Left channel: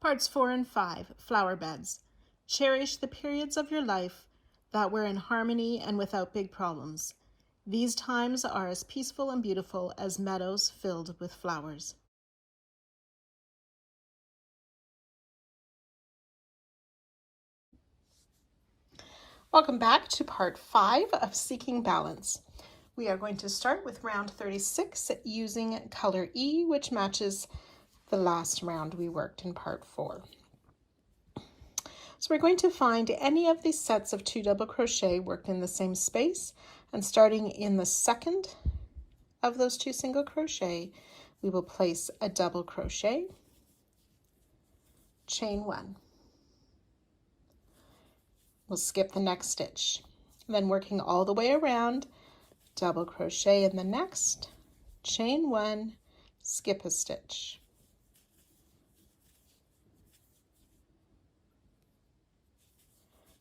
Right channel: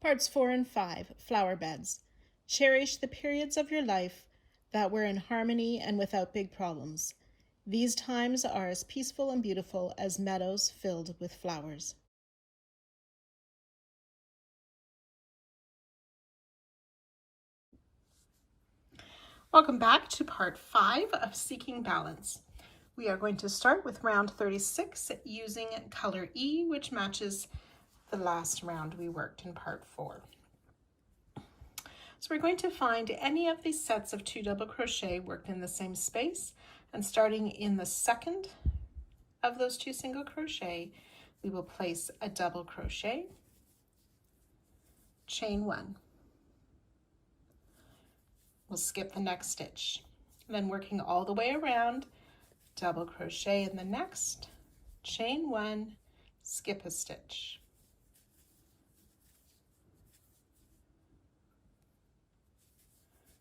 Parts 4 and 5, Flower Beds. Cherish the periods of your life that were in harmony and without big problems. These times are as peaceful and beautiful as meadows filled with flowers. Welcome back to part 5 of Seeking Balance. We are going to start with round 36 using color E, which matches the last round we worked in part 4. So we're going to find any of these sets of 2 double crochet worked in the same space, and starting in the second of those 2 single crochet, we will place a double crochet, chain 1. We'll skip the next stitch. Then working all the way around, double crochet in the next, chain 1, skip a stitch.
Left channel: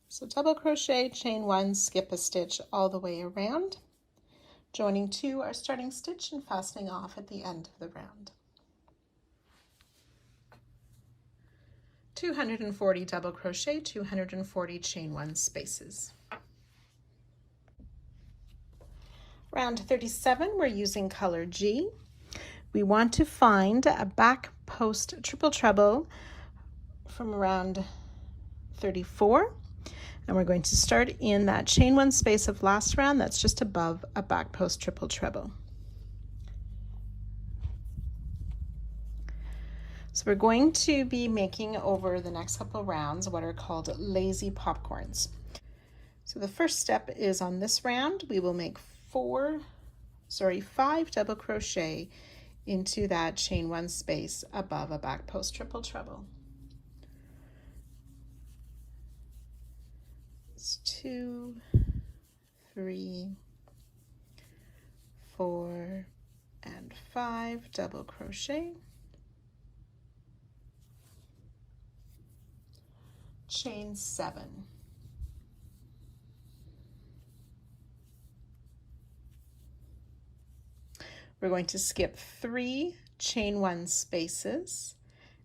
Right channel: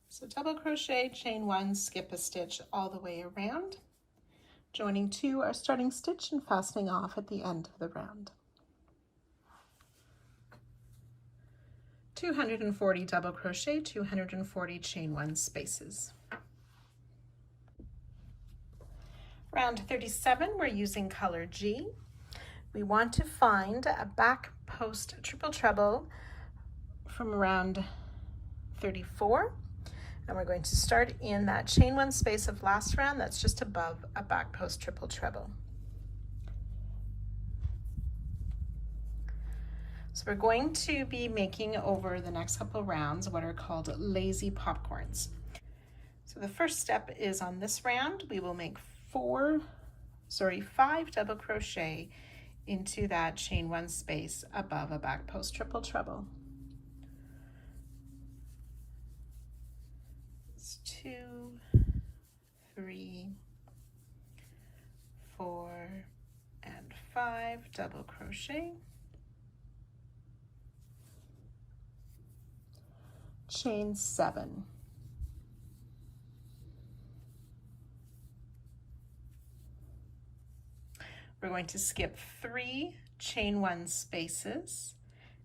So double crochet, chain 1, skip a stitch all the way around, joining 2 our starting stitch and fastening off at the end of the round. 240 double crochet, 240 chain 1 spaces. Round 37, we're using color G. We want to find a back post triple treble from around 34. And we're going to start in that chain 1 space of last round that's just above a back post triple treble. So we're going to be making over the next couple of rounds what are called lazy popcorns. So the first step is on this round, we will make 5 double crochet into that chain 1 space above a back post triple treble. 2, 3, 4, and 5 double crochet, chain 7. We're going to skip 3 chain 1 spaces,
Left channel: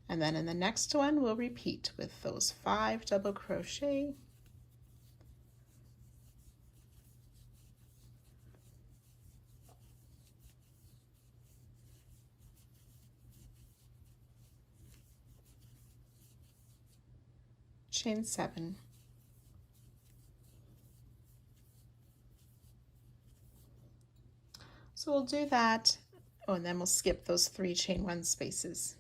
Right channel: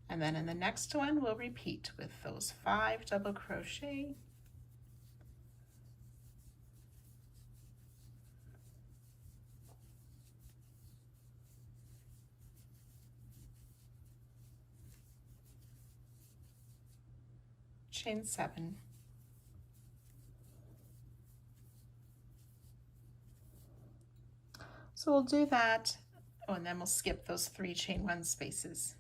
and then in the next one we'll repeat with those 5 double crochet, chain 7, so we'll do that, and then we'll skip those 3 chain 1 spaces.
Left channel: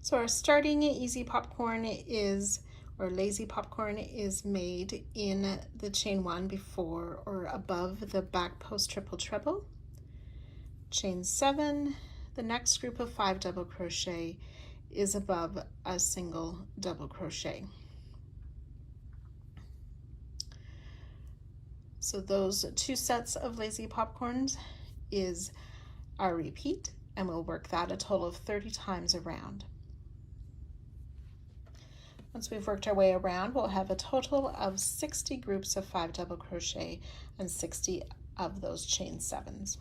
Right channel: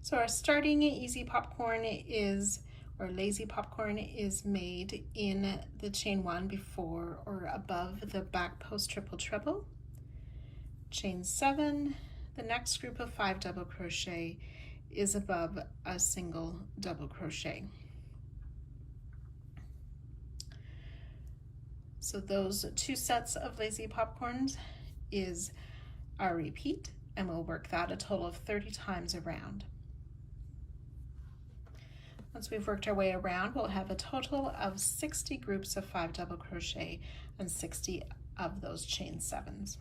So our starting easy popcorn is, or lazy popcorn is made in the chain 1 before or above the back post triple treble, chain 7. The next group of 5 double crochet is above a single double crochet. So those 2 sets of lazy popcorns is our repeat, and we'll work that a total of 30 times around. Once we've worked our way around, we'll have a total of 60 groups of 5 double crochet and 60 of those chain 7s.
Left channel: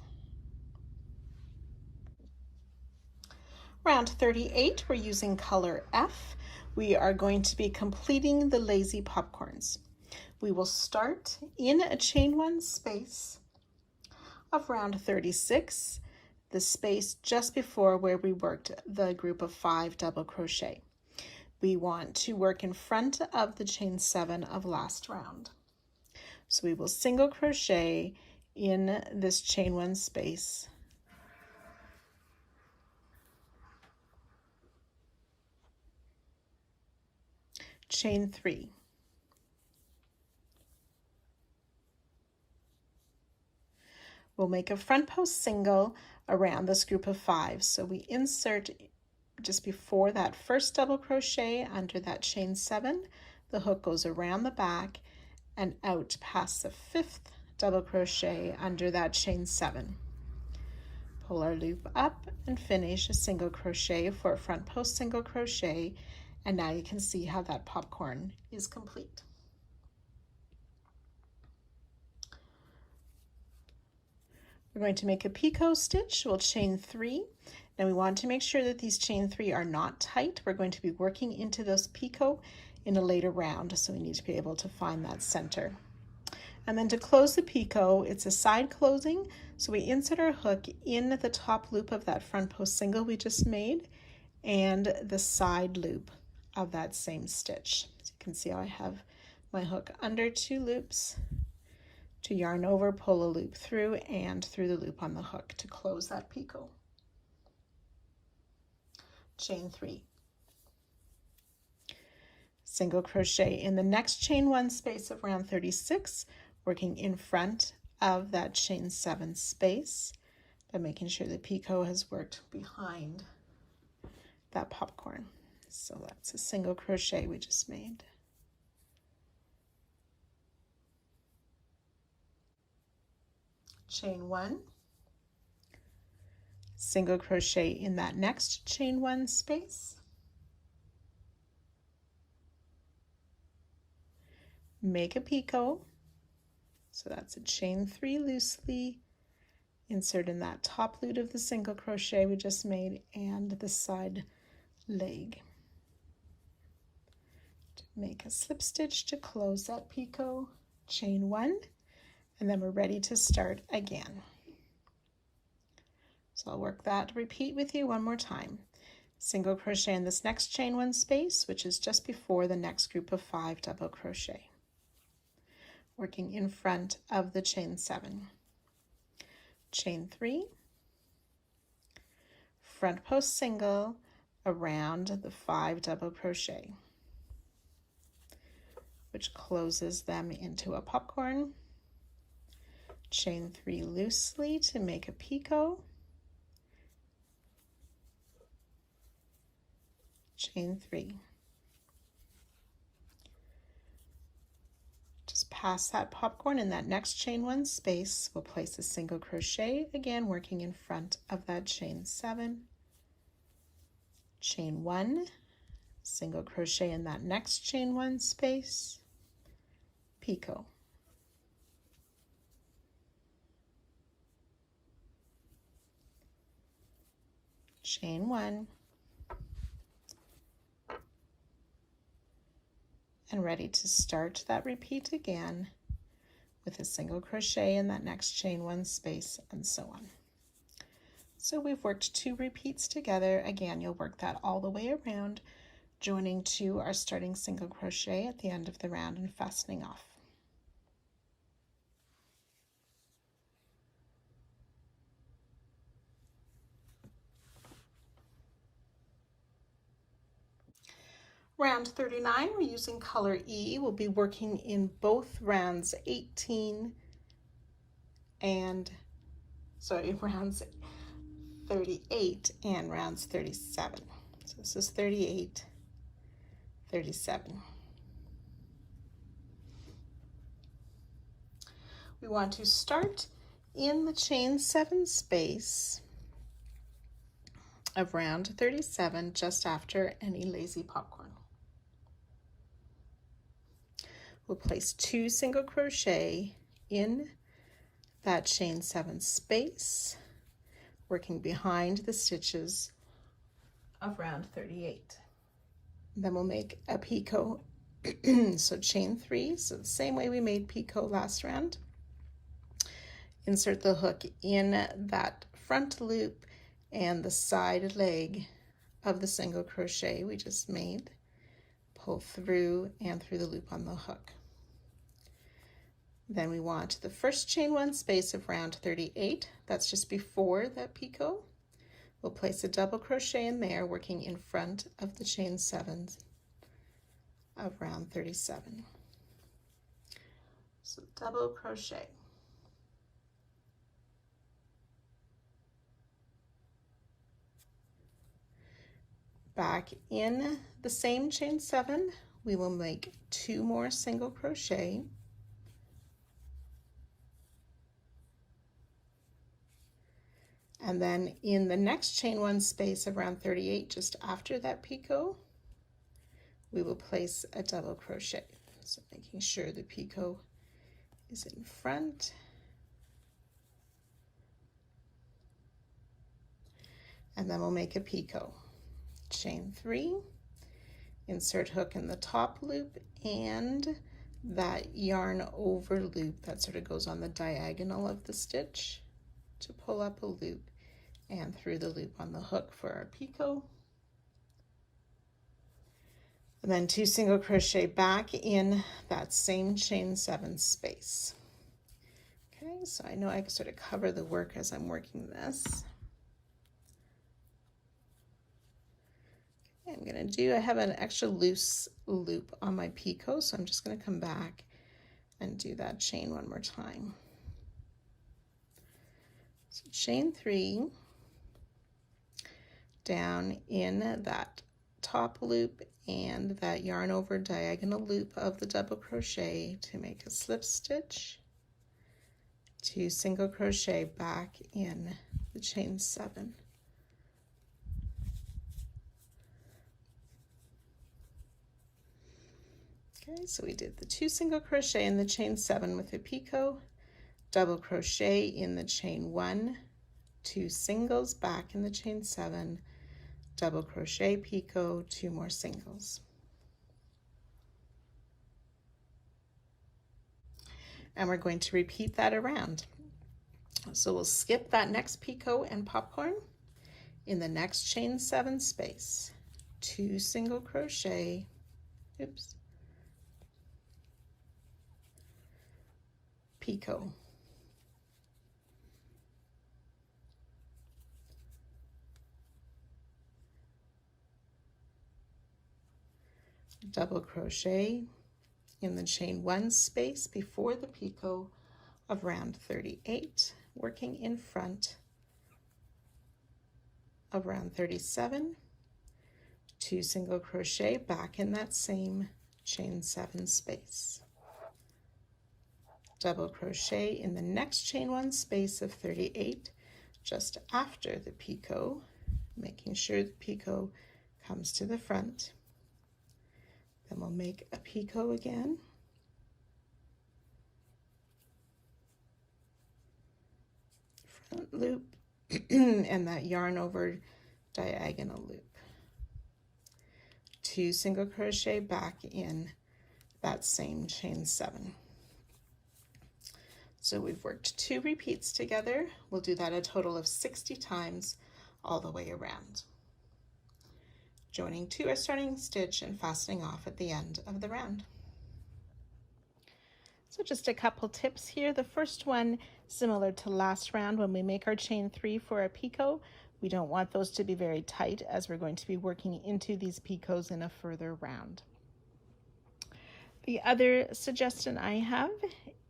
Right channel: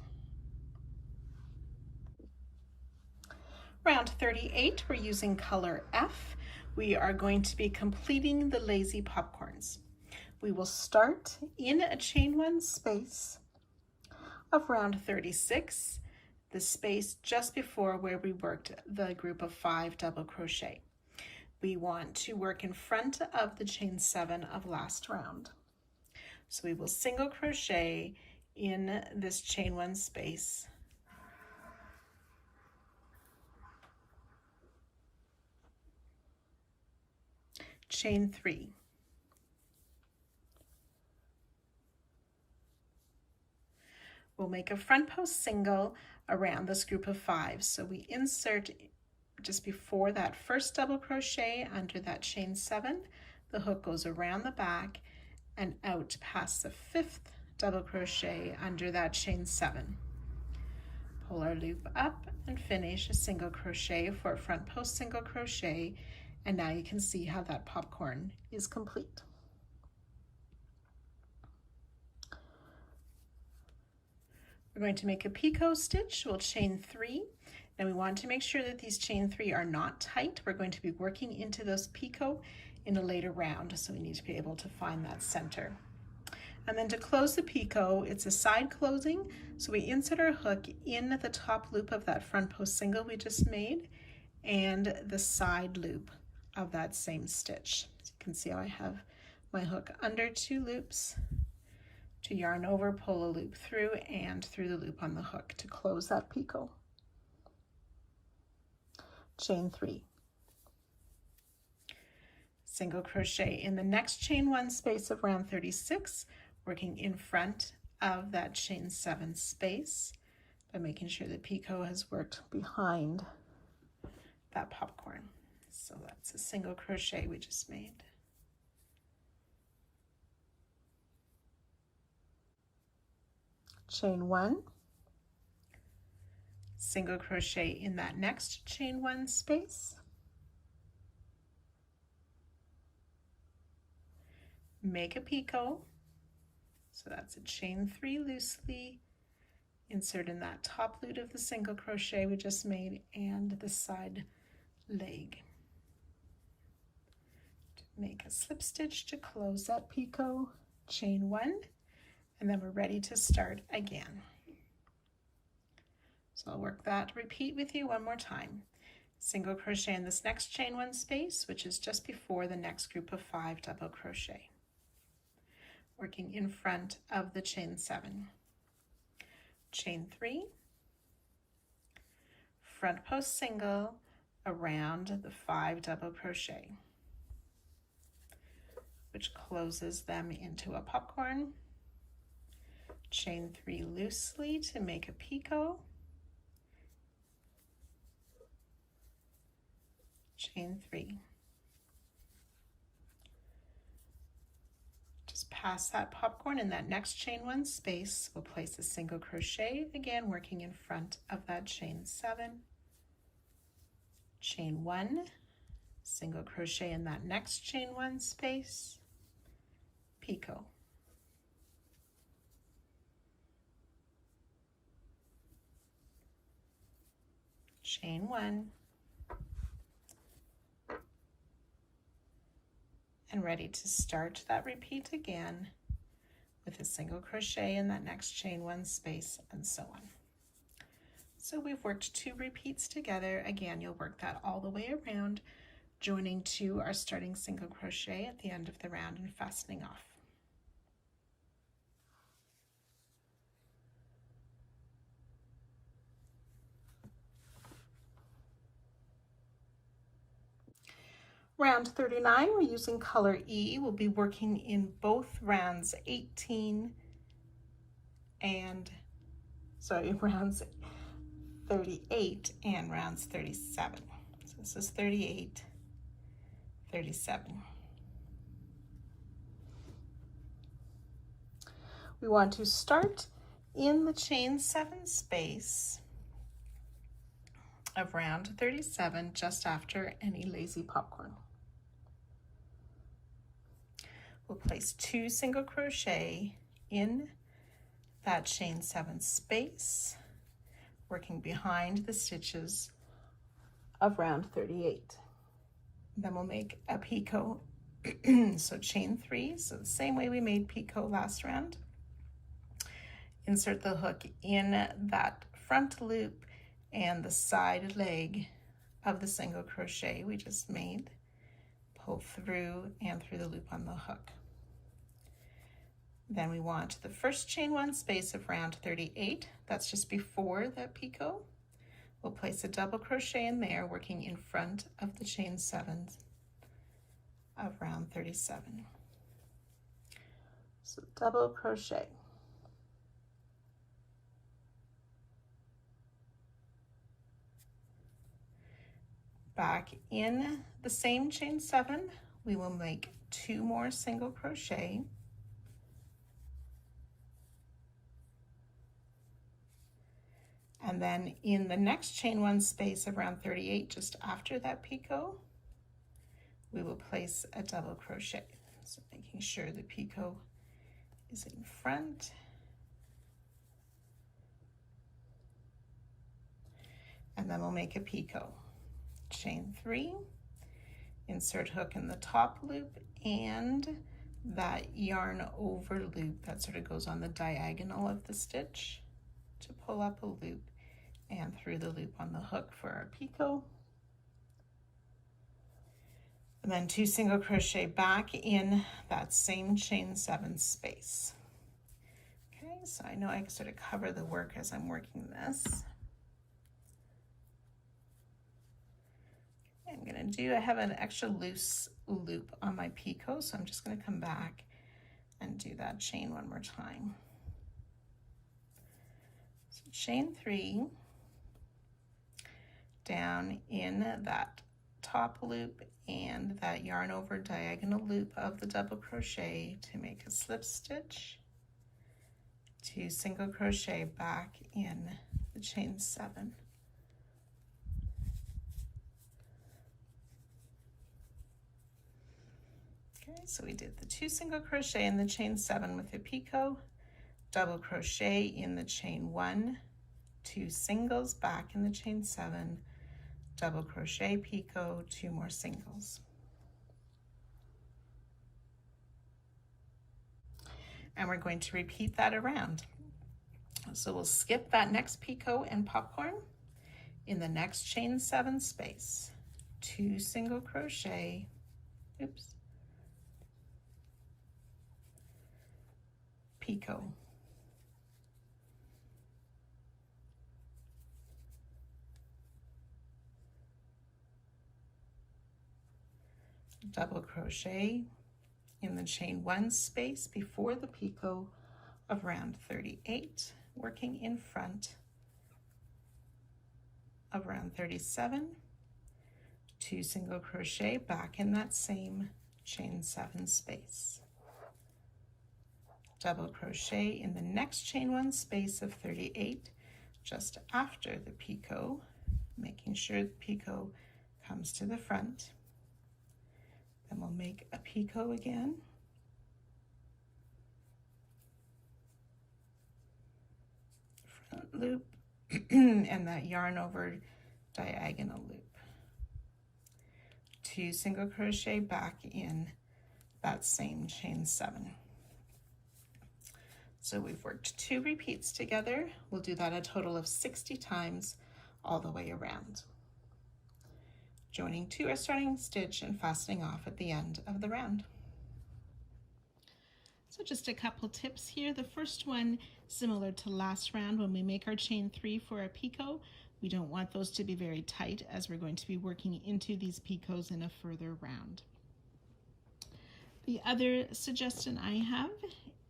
Round 38, we're using color F. We are going to be completing the lazy popcorns. We will start in a chain 1 space of round 36, the space just before where we worked the group of 5 double crochet. We want to work in front of the chain 7 of last round. So we will single crochet in this chain 1 space, chain 3. We'll make a front post single around this group of 5. So we insert just before that first double crochet under that chain 7, the hook goes around the back and out past the 5th double crochet under that chain 7. Pull our loop up and finish a single crochet for a front post single crochet, and now you can see how that popcorn is complete. We're going to make a picot stitch. We'll chain 3 Now we want to make sure that these chain 3 are not tight. We're going to be working into those picot in a later round, so we need to be able to find that center. And then to close the picot, it's a side closing, so we insert our hook in the top loop of that front post single we just made and the side loop of that same stitch. So you can see how I have my hook under 2 loops to yarn over, pull a loop through, and through the loop on the hook to close that picot. Chain 3. Single crochet in the next chain 1 space of round 36, working in front of that chain 7 space, but making sure the picot has worked behind that popcorn. So that's a single crochet we just made. Chain 1, single crochet in that next chain 1 space, make a picot, so that's a chain 3 loosely, insert in that top loop of the single crochet we just made and the side leg. Make a slip stitch to close that picot, chain 1, and then we're ready to start again. So I'll work that repeat with you one more time. Single crochet in this next chain 1 space, which is just before the next group of 5 double crochet, working in front of the chain 7. Chain 3, front post single around the 5 double crochet, which closes them into a popcorn. Chain 3 loosely to make a picot, chain 3. Just pass that popcorn in that next chain 1 space. We'll place a single crochet, again working in front of that chain 7. Chain 1, single crochet in that next chain 1 space, picot. Chain 1, and ready to start that repeat again with a single crochet in that next chain 1 space, and so on. So we've worked 2 repeats together. Again, you'll work that all the way around, joining to our starting single crochet at the end of the round and fastening off. Round 39, we're using color E. We'll be working in both rounds 18 and, rounds 38 and rounds 37. So this is 38, 37. We want to start in the chain 7 space of round 37, just after any lazy popcorn. We'll place 2 single crochet in that chain 7 space, working behind the stitches of round 38. Then we'll make a picot, so chain 3, so the same way we made picot last round. Insert the hook in that front loop and the side leg of the single crochet we just made. Pull through and through the loop on the hook. Then we want the first chain 1 space of round 38, that's just before that picot. We'll place a double crochet in there, working in front of the chain 7 of round 37. So double crochet. Back in the same chain 7, we will make 2 more single crochet. And then in the next chain 1 space of round 38, just after that picot, we will place a double crochet. So making sure the picot is in front. And then we'll make a picot. Chain 3, insert hook in the top loop and that yarn over loop that sort of goes on the diagonal of the stitch to pull up a loop and through the loop on the hook for our picot. And then 2 single crochet back in that same chain 7 space. Okay, so I know I can sort of cover the work as I'm working this. I'm going to do, I have an extra loose loop on my picot, so I'm just going to come back and do that chain one more time. So chain 3, down in that top loop and that yarn over diagonal loop of the double crochet to make a slip stitch, 2 single crochet back in the chain 7. Okay, so we did the 2 single crochet in the chain 7 with the picot, double crochet in the chain 1, 2 singles back in the chain 7, double crochet, picot, 2 more singles. And we're going to repeat that around. So we'll skip that next picot and popcorn in the next chain 7 space, 2 single crochet, oops, picot, double crochet in the chain 1 space before the picot of round 38, working in front of round 37, 2 single crochet back in that same chain 7 space, double crochet in the next chain 1 space of 38 just after the picot, making sure the picot comes to the front. Then we'll make a picot again, front loop and that yarn over diagonal loop, 2 single crochet back in that same chain 7. So we've worked 2 repeats together. We'll do that a total of 60 times all the way around, joining to our starting stitch and fastening off at the end of the round. So just a couple tips here. The first one, similar to last round, when we make our chain 3 for our picot, we don't want those to be very tight as we're going to be working into these picots in a further round. The other suggestion I have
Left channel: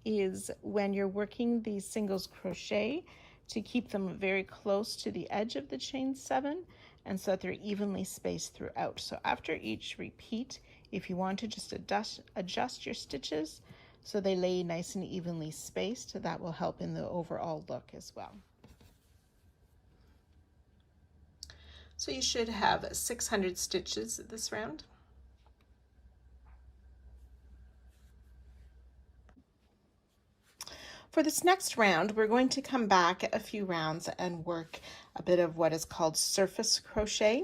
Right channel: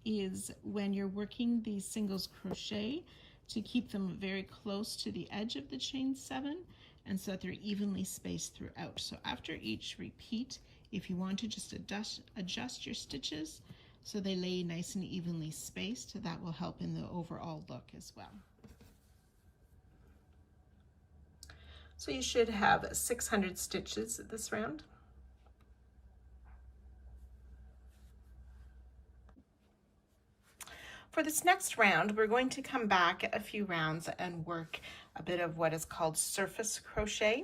is when you're working these singles crochet to keep them very close to the edge of the chain 7 and so that they're evenly spaced throughout. So after each repeat, if you want to just adjust your stitches so they lay nice and evenly spaced, that will help in the overall look as well. So you should have 600 stitches this round. For this next round, we're going to come back a few rounds and work a bit of what is called surface crochet.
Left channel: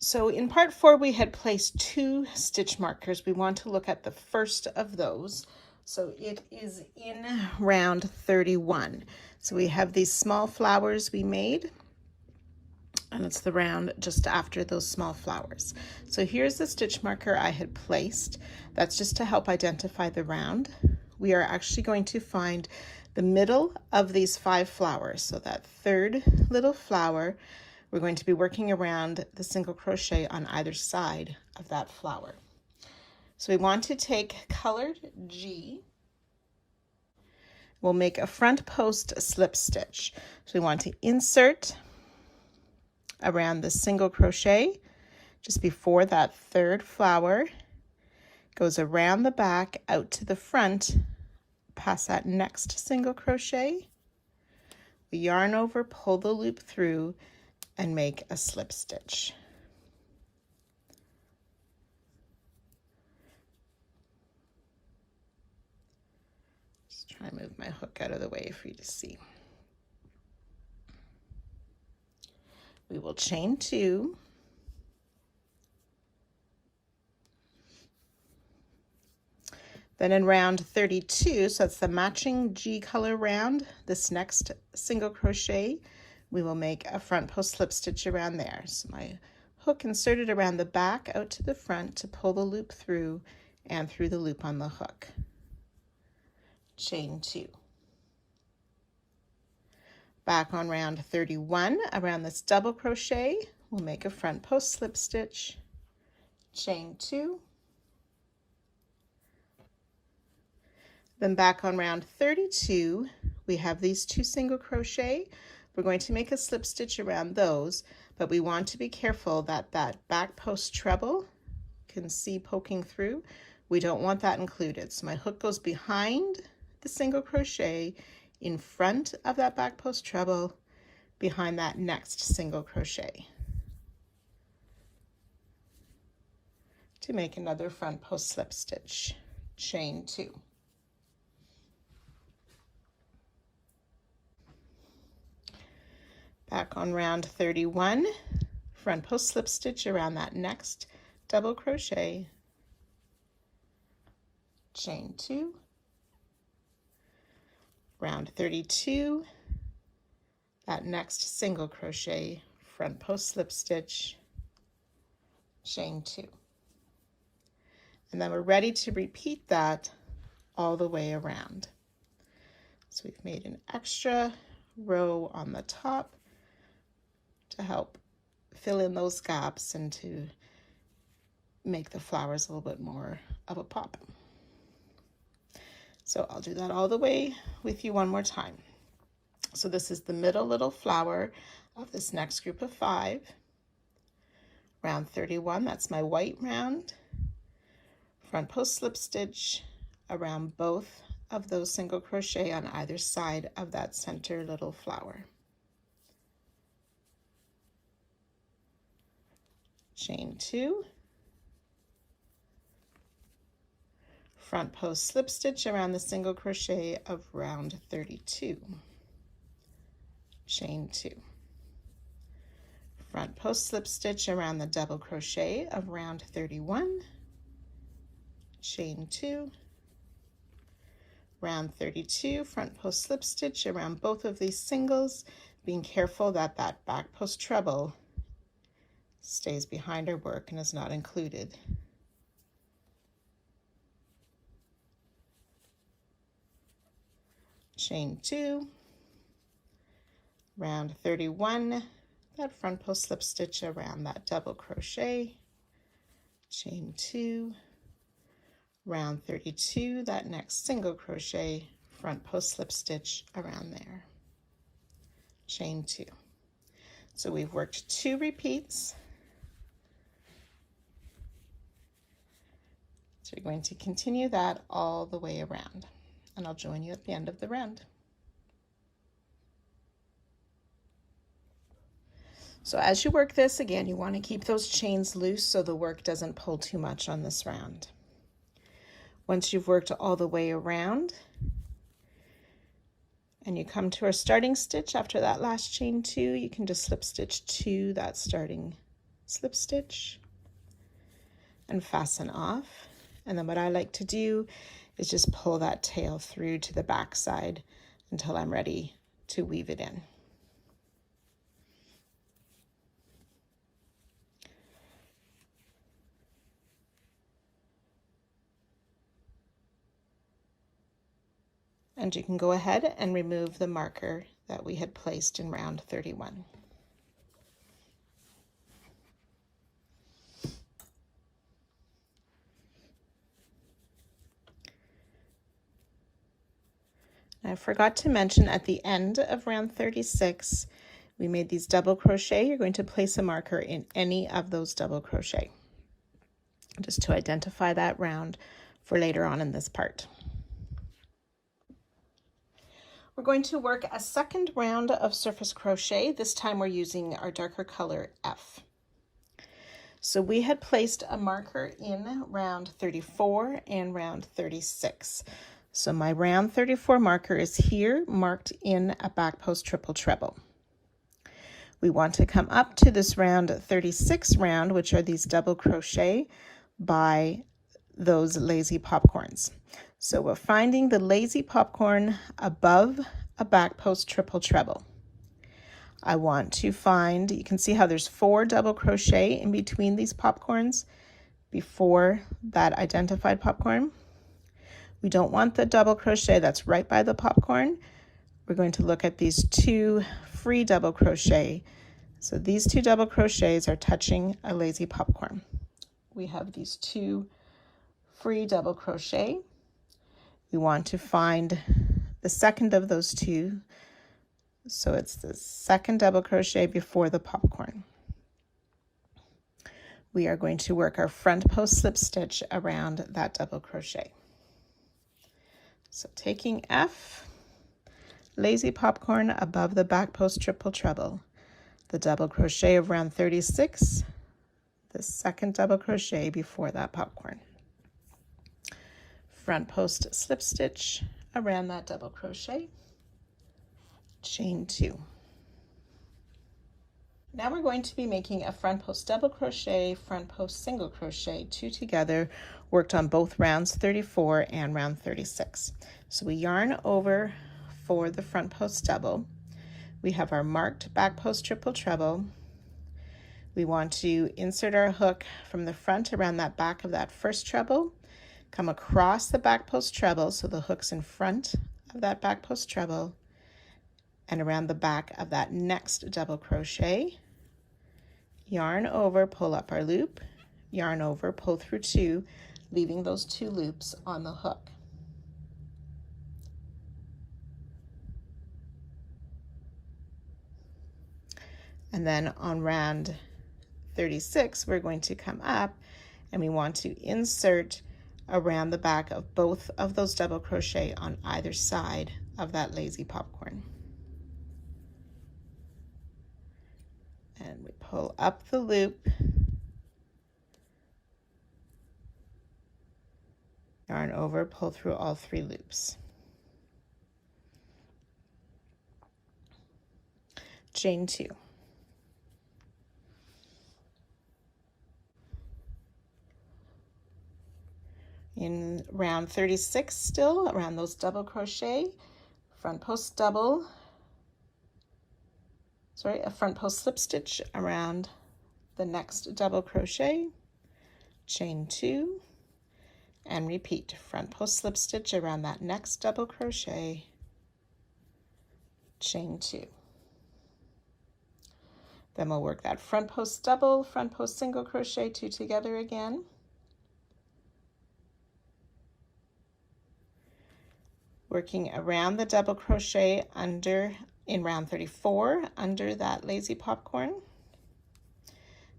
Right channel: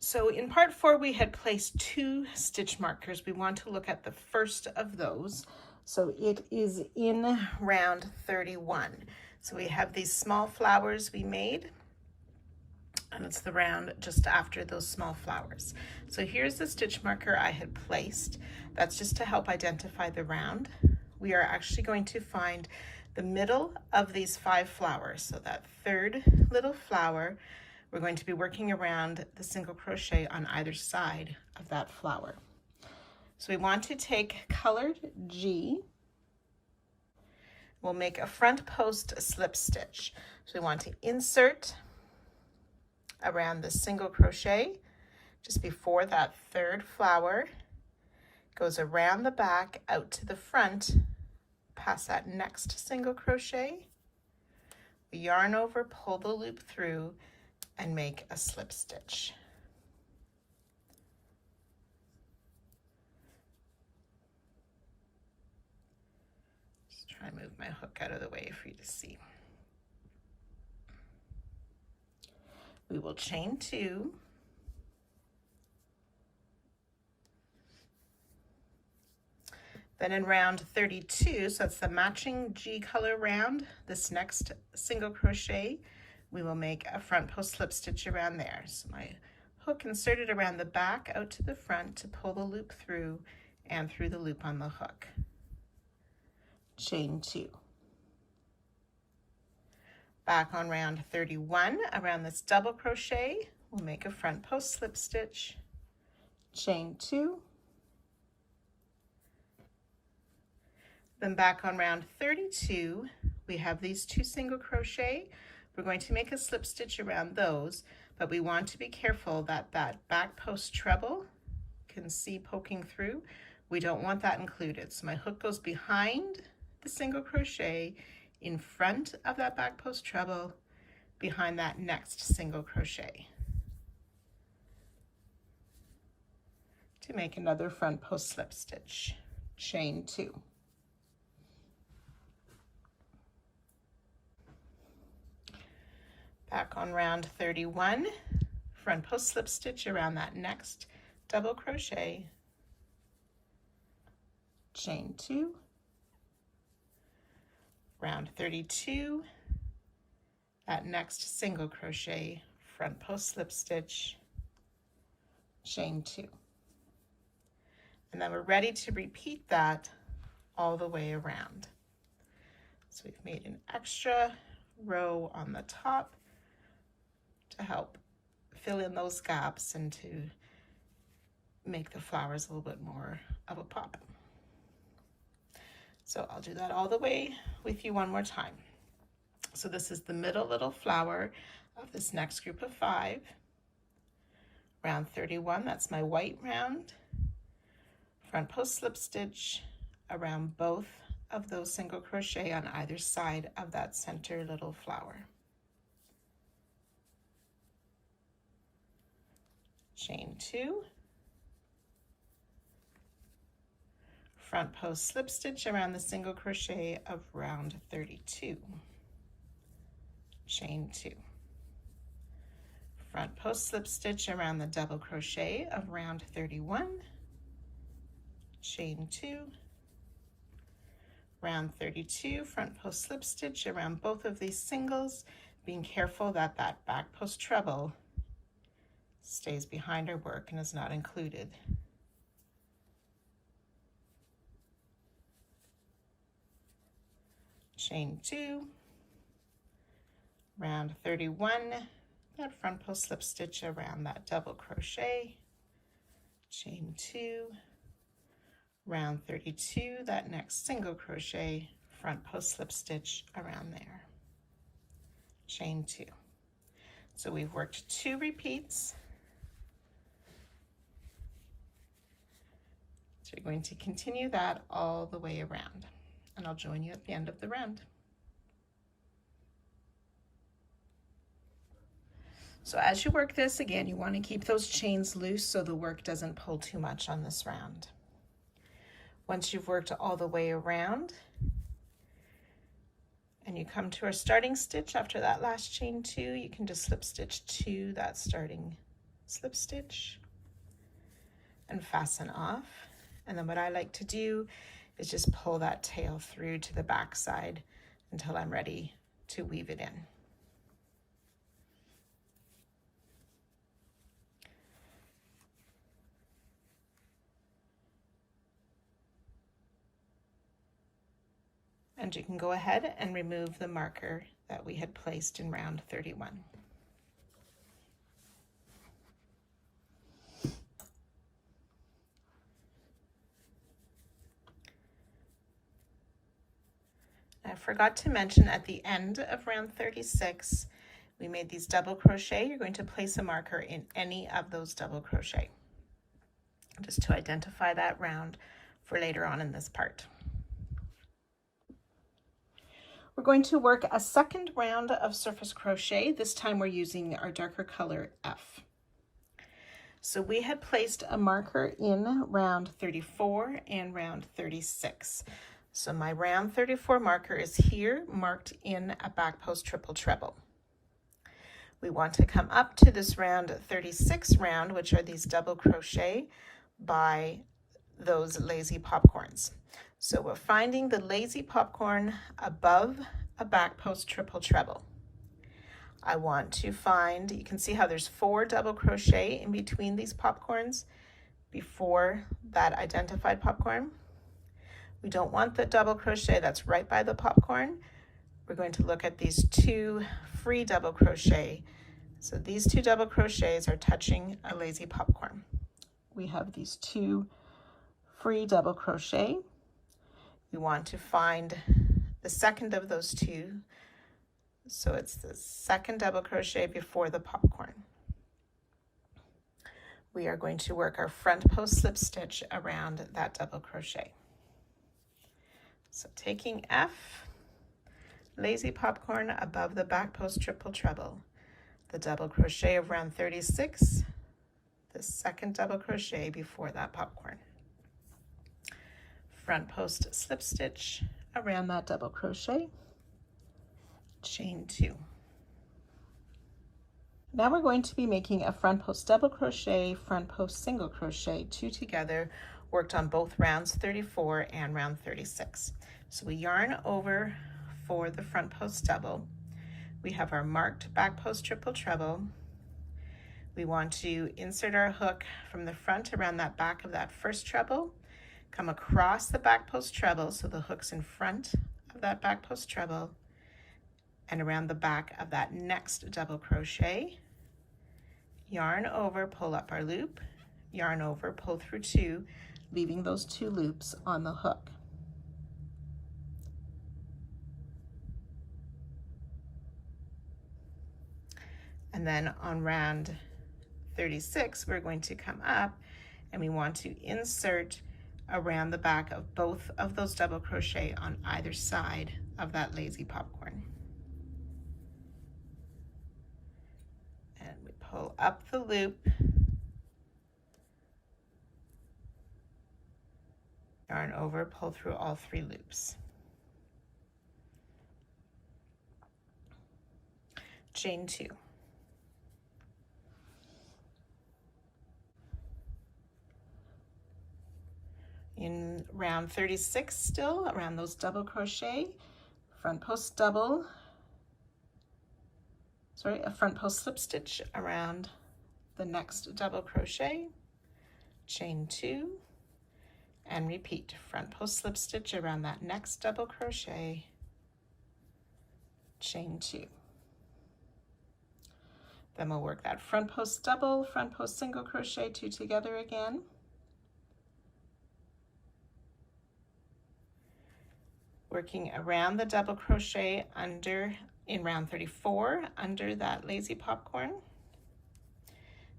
So in part 4, we had placed 2 stitch markers. We want to look at the first of those. So it is in round 31. So we have these small flowers we made, and it's the round just after those small flowers. So here's the stitch marker I had placed. That's just to help identify the round. We are actually going to find the middle of these 5 flowers. So that third little flower, we're going to be working around the single crochet on either side of that flower. So we want to take colored G. We'll make a front post slip stitch. So we want to insert around the single crochet just before that third flower, goes around the back out to the front, past that next single crochet, we yarn over, pull the loop through, and make a slip stitch. Just try to move my hook out of the way for you to see. We will chain 2, then in round 32, so that's the matching G color round, this next single crochet, we will make a front post slip stitch around there. So my hook inserted around the back out to the front to pull the loop through and through the loop on the hook. Chain 2. Back on round 31, around this double crochet, we'll make a front post slip stitch, chain 2. Then back on round 32, we have these 2 single crochet. We're going to make a slip stitch around those, but we want to be careful that that back post treble, you can see poking through, we don't want that included. So my hook goes behind the single crochet, in front of that back post treble, behind that next single crochet, to make another front post slip stitch, chain 2. Back on round 31, front post slip stitch around that next double crochet, chain 2. Round 32, that next single crochet, front post slip stitch, chain 2. And then we're ready to repeat that all the way around. So we've made an extra row on the top to help fill in those gaps and to make the flowers a little bit more of a pop. So I'll do that all the way with you one more time. So this is the middle little flower of this next group of 5. Round 31, that's my white round. Front post slip stitch around both of those single crochet on either side of that center little flower. Chain 2, front post slip stitch around the single crochet of round 32, chain 2, front post slip stitch around the double crochet of round 31, chain 2, round 32, front post slip stitch around both of these singles, being careful that that back post treble stays behind our work and is not included. Chain 2, round 31, that front post slip stitch around that double crochet, chain 2, round 32, that next single crochet, front post slip stitch around there, chain 2. So we've worked 2 repeats. So we're going to continue that all the way around, and I'll join you at the end of the round. So as you work this, again, you want to keep those chains loose so the work doesn't pull too much on this round. Once you've worked all the way around and you come to our starting stitch after that last chain 2, you can just slip stitch to that starting slip stitch and fasten off. And then what I like to do is just pull that tail through to the back side until I'm ready to weave it in. And you can go ahead and remove the marker that we had placed in round 31. I forgot to mention at the end of round 36, we made these double crochet. You're going to place a marker in any of those double crochet, just to identify that round for later on in this part. We're going to work a second round of surface crochet. This time we're using our darker color F. So we had placed a marker in round 34 and round 36. So my round 34 marker is here, marked in a back post triple treble. We want to come up to this round 36 round, which are these double crochet by those lazy popcorns. So we're finding the lazy popcorn above a back post triple treble. I want to find, you can see how there's 4 double crochet in between these popcorns before that identified popcorn. We don't want the double crochet that's right by the popcorn. We're going to look at these 2 free double crochet. So these 2 double crochets are touching a lazy popcorn. We have these 2 free double crochet. We want to find the second of those 2. So it's the second double crochet before the popcorn. We are going to work our front post slip stitch around that double crochet. So taking F, lazy popcorn above the back post triple treble, the double crochet of round 36, the second double crochet before that popcorn. Front post slip stitch around that double crochet, chain 2. Now we're going to be making a front post double crochet, front post single crochet, 2 together, worked on both rounds 34 and round 36. So we yarn over for the front post double. We have our marked back post triple treble. We want to insert our hook from the front around that back of that first treble, come across the back post treble, so the hook's in front of that back post treble, and around the back of that next double crochet, yarn over, pull up our loop, yarn over, pull through 2, leaving those 2 loops on the hook. And then on round 36, we're going to come up and we want to insert around the back of both of those double crochet on either side of that lazy popcorn. And we pull up the loop, yarn over, pull through all 3 loops. Chain 2. In round 36 still, around those double crochet, front post double, a front post slip stitch around the next double crochet, chain 2, and repeat. Front post slip stitch around that next double crochet, chain 2. Then we'll work that front post double, front post single crochet, 2 together again. Working around the double crochet under, in round 34, under that lazy popcorn.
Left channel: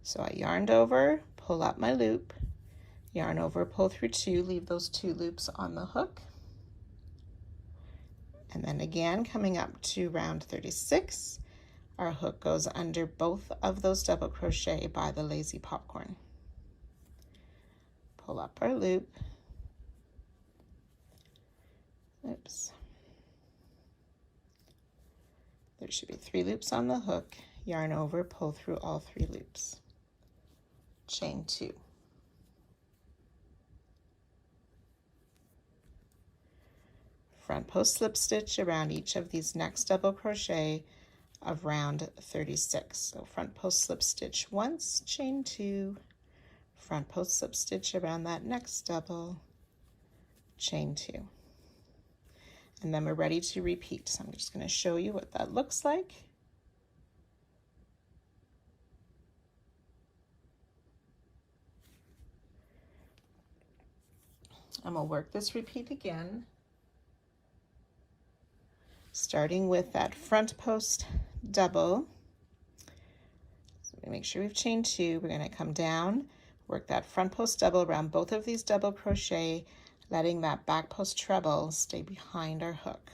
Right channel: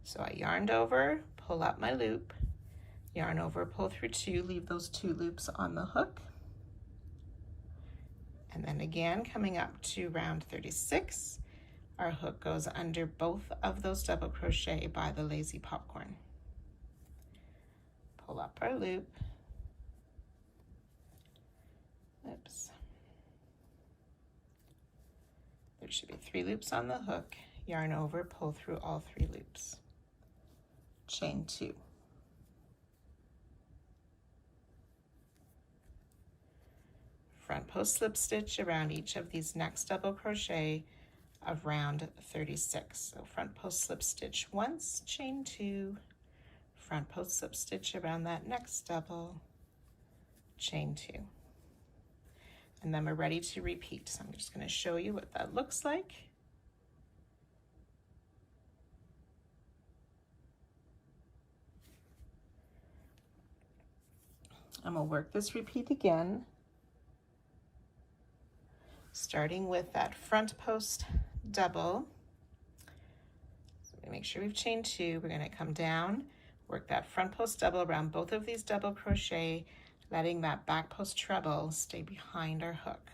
So I yarned over, pull up my loop, yarn over, pull through 2, leave those 2 loops on the hook. And then again, coming up to round 36, our hook goes under both of those double crochet by the lazy popcorn. Pull up our loop. Oops. There should be 3 loops on the hook, yarn over, pull through all 3 loops. Chain 2. Front post slip stitch around each of these next double crochet of round 36. So front post slip stitch once, chain 2, front post slip stitch around that next double, chain 2. And then we're ready to repeat. So I'm just going to show you what that looks like. And we'll work this repeat again, starting with that front post double. So make sure we've chained 2. We're going to come down, work that front post double around both of these double crochet, letting that back post treble stay behind our hook.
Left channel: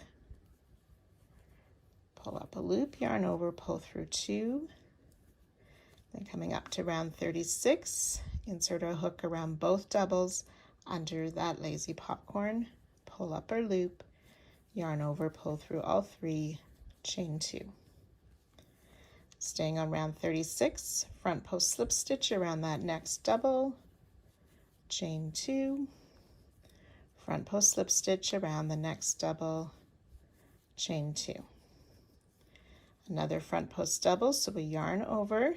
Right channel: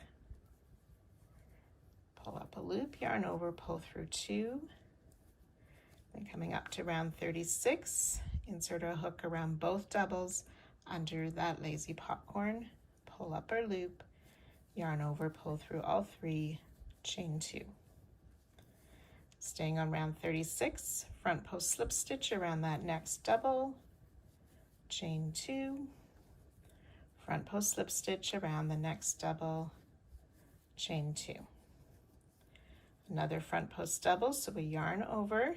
Pull up a loop, yarn over, pull through 2. Then coming up to round 36, insert our hook around both doubles under that lazy popcorn, pull up our loop, yarn over, pull through all 3, chain 2. Staying on round 36, front post slip stitch around that next double, chain 2, front post slip stitch around the next double, chain 2. Another front post double, so we yarn over,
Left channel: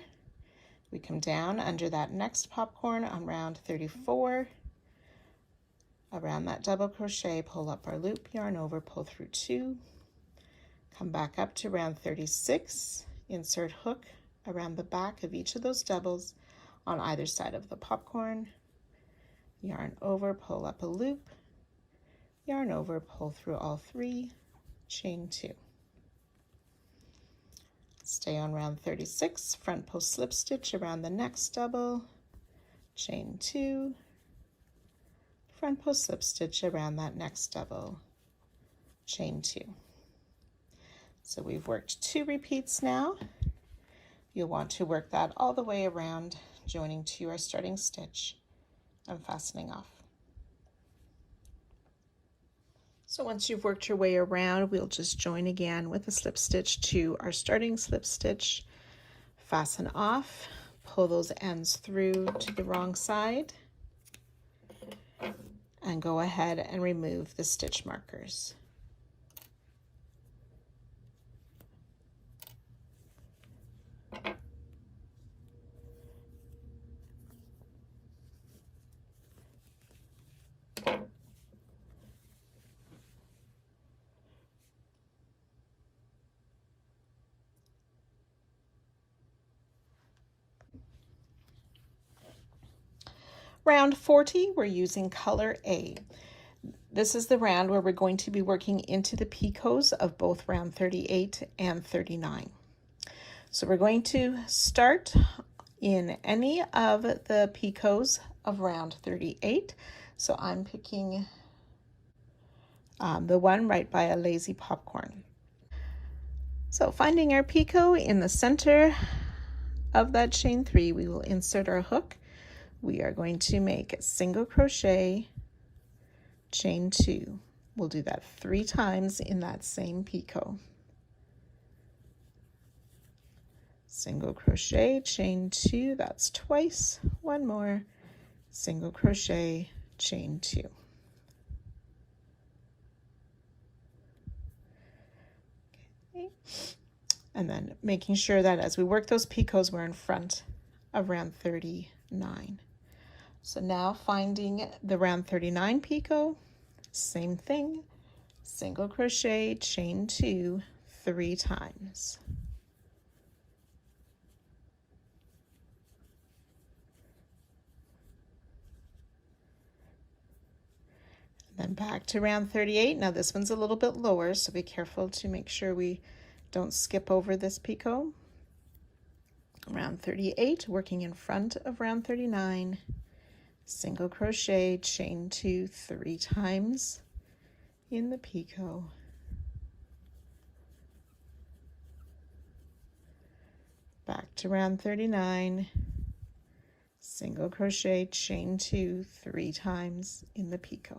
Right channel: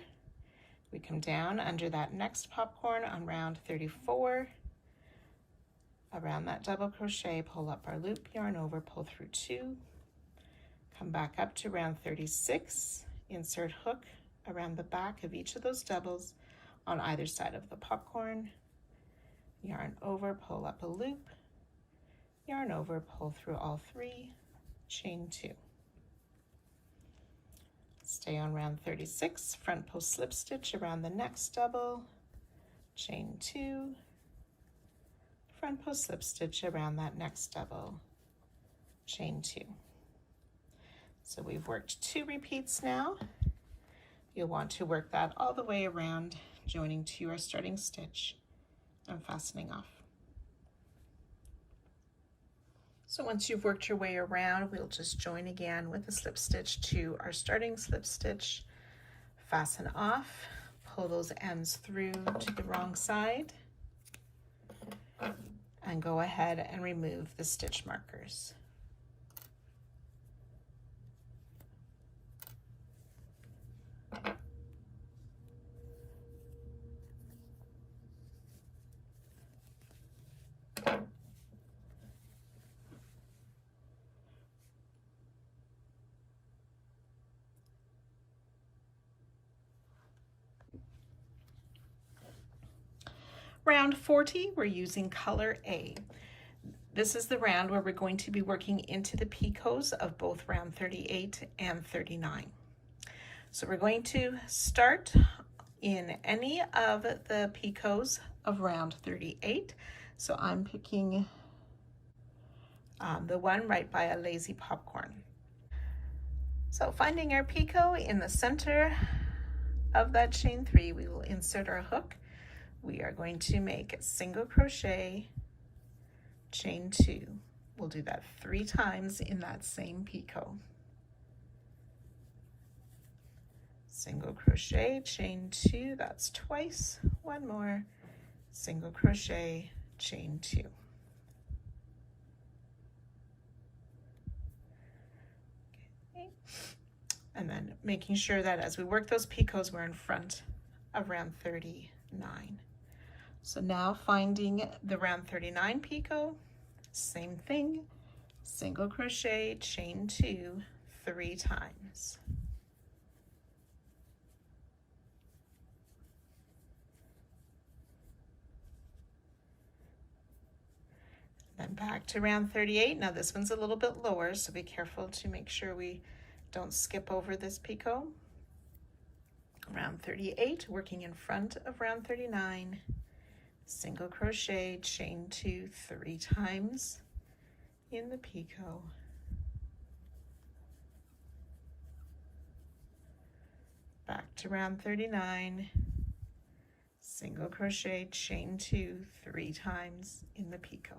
we come down under that next popcorn on round 34, around that double crochet, pull up our loop, yarn over, pull through 2, come back up to round 36, insert hook around the back of each of those doubles on either side of the popcorn, yarn over, pull up a loop, yarn over, pull through all 3, chain 2. Stay on round 36, front post slip stitch around the next double, chain 2, front post slip stitch around that next double, chain 2. So we've worked 2 repeats now. You'll want to work that all the way around, joining to our starting stitch and fastening off. So once you've worked your way around, we'll just join again with a slip stitch to our starting slip stitch, fasten off, pull those ends through to the wrong side, and go ahead and remove the stitch markers. Round 40, we're using color A. This is the round where we're going to be working into the picots of both round 38 and 39. So we're going to start in any of the picots of round 38. So I'm picking the one right by a lazy popcorn. So finding our picot in the center of that chain 3, we will insert our hook. We are going to make a single crochet, chain 2. We'll do that 3 times in that same picot. Single crochet, chain 2, that's twice, 1 more, single crochet, chain 2. Okay. And then making sure that as we work those picots, we're in front of round 39. So now finding the round 39 picot, same thing, single crochet, chain 2, 3 times. And then back to round 38. Now this one's a little bit lower, so be careful to make sure we don't skip over this picot. Round 38, working in front of round 39. Single crochet, chain 2, 3 times in the picot. Back to round 39, single crochet, chain 2, 3 times in the picot.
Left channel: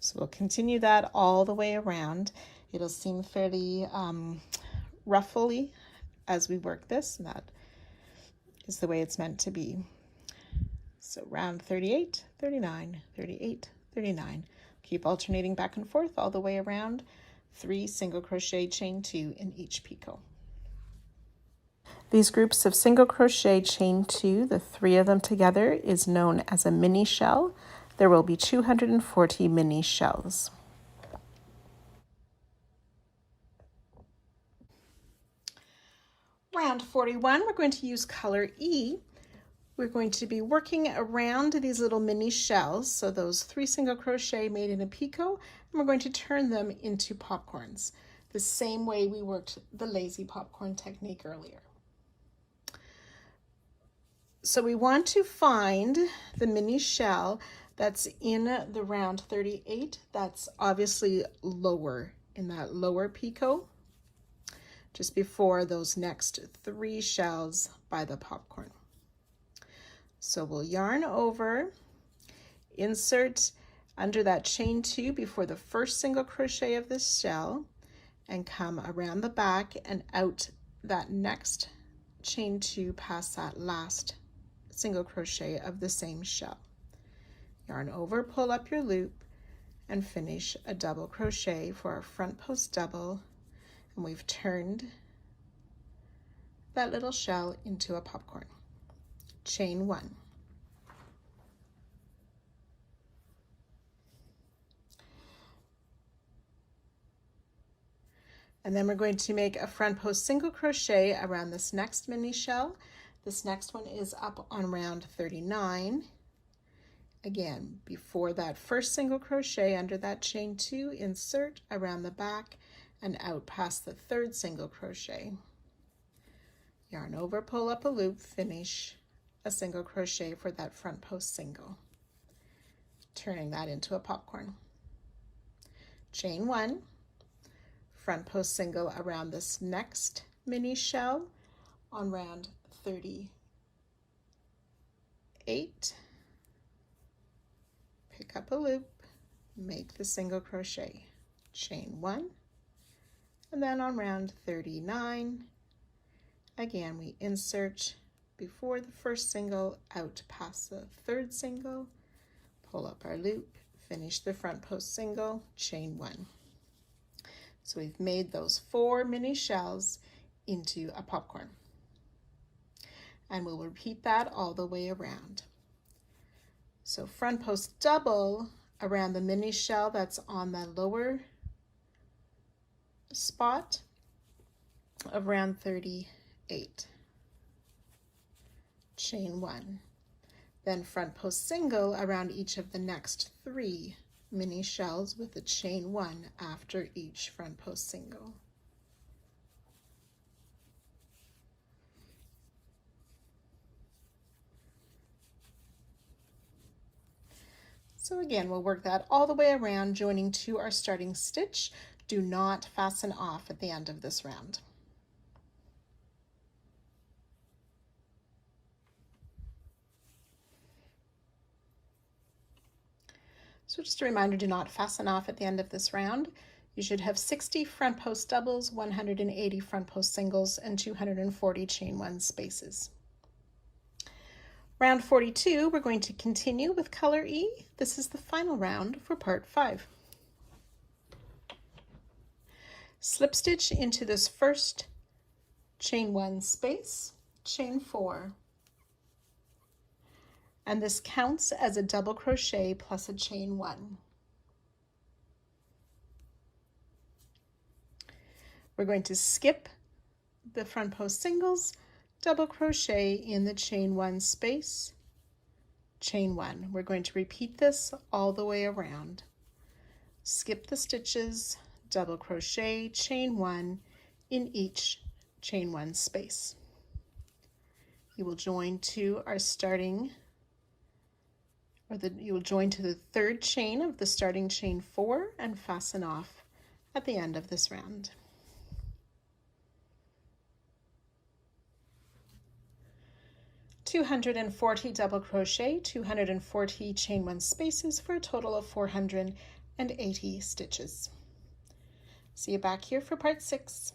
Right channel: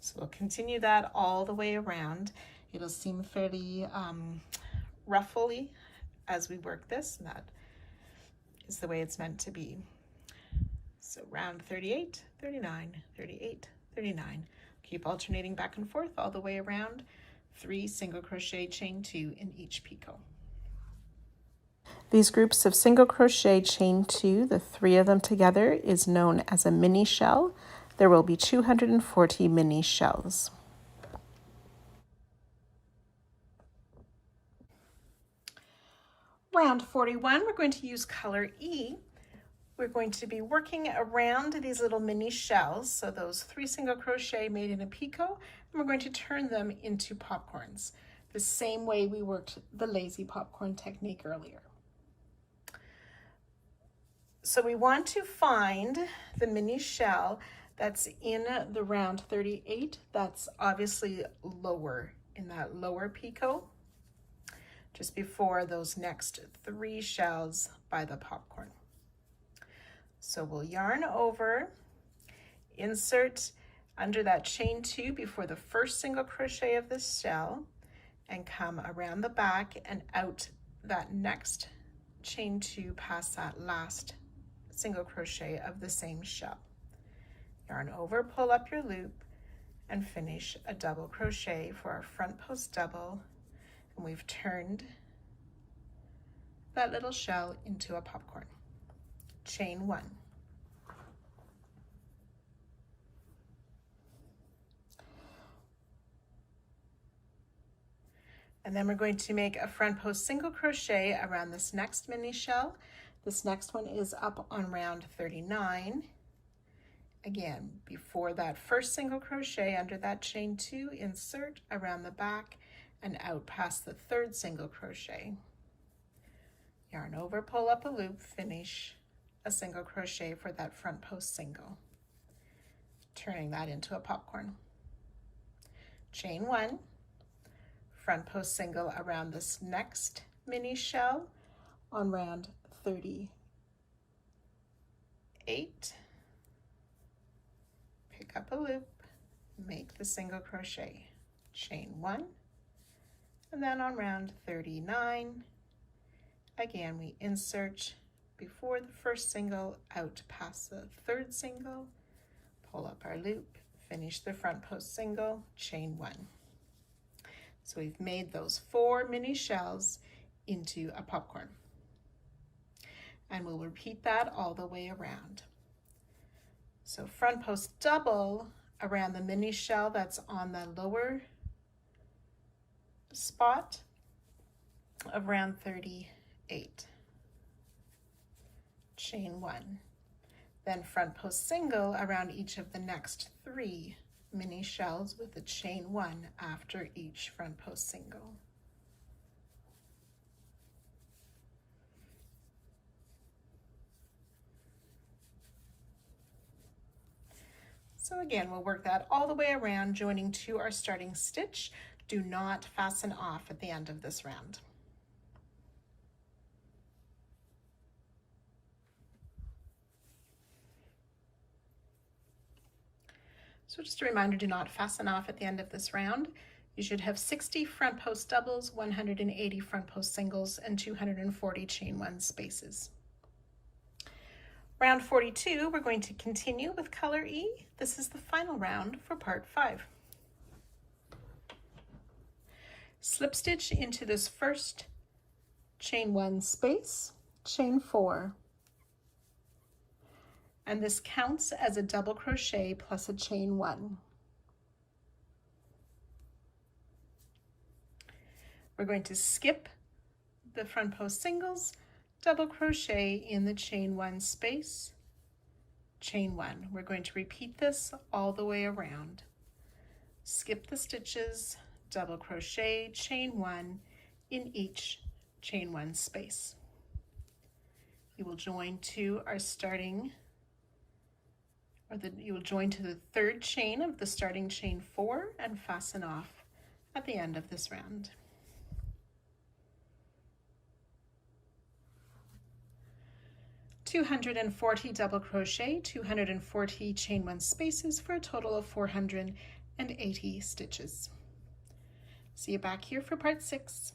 So we'll continue that all the way around. It'll seem fairly ruffly as we work this, and that is the way it's meant to be. So round 38, 39, 38, 39. Keep alternating back and forth all the way around. 3 single crochet, chain 2 in each picot. These groups of single crochet, chain 2, the 3 of them together, is known as a mini shell. There will be 240 mini shells. Round 41, we're going to use color E. We're going to be working around these little mini shells, so those 3 single crochet made in a picot, and we're going to turn them into popcorns, the same way we worked the lazy popcorn technique earlier. So we want to find the mini shell that's in the round 38, that's obviously lower, in that lower picot, just before those next 3 shells by the popcorn. So we'll yarn over, insert under that chain 2 before the first single crochet of this shell, and come around the back and out that next chain 2 past that last single crochet of the same shell. Yarn over, pull up your loop, and finish a double crochet for our front post double, and we've turned that little shell into a popcorn. Chain 1. And then we're going to make a front post single crochet around this next mini shell. This next one is up on round 39. Again, before that first single crochet under that chain 2, insert around the back and out past the third single crochet. Yarn over, pull up a loop, finish a single crochet for that front post single, turning that into a popcorn. Chain 1, front post single around this next mini shell on round 38. Pick up a loop, make the single crochet, chain 1, and then on round 39, again we insert before the first single, out past the third single, pull up our loop, finish the front post single, chain 1. So we've made those 4 mini shells into a popcorn. And we'll repeat that all the way around. So front post double around the mini shell that's on the lower spot of round 38. Chain 1. Then front post single around each of the next 3 mini shells with a chain 1 after each front post single. So again, we'll work that all the way around, joining to our starting stitch. Do not fasten off at the end of this round. So just a reminder, do not fasten off at the end of this round. You should have 60 front post doubles, 180 front post singles, and 240 chain 1 spaces. Round 42, we're going to continue with color E. This is the final round for part 5. Slip stitch into this first chain 1 space, chain 4. And this counts as a double crochet plus a chain 1. We're going to skip the front post singles, double crochet in the chain 1 space, chain 1. We're going to repeat this all the way around. Skip the stitches, double crochet, chain 1 in each chain 1 space. You will join to our starting, you will join to the third chain of the starting chain 4 and fasten off at the end of this round. $240 double crochet, 240 chain 1 spaces for a total of 480 stitches. See you back here for part 6.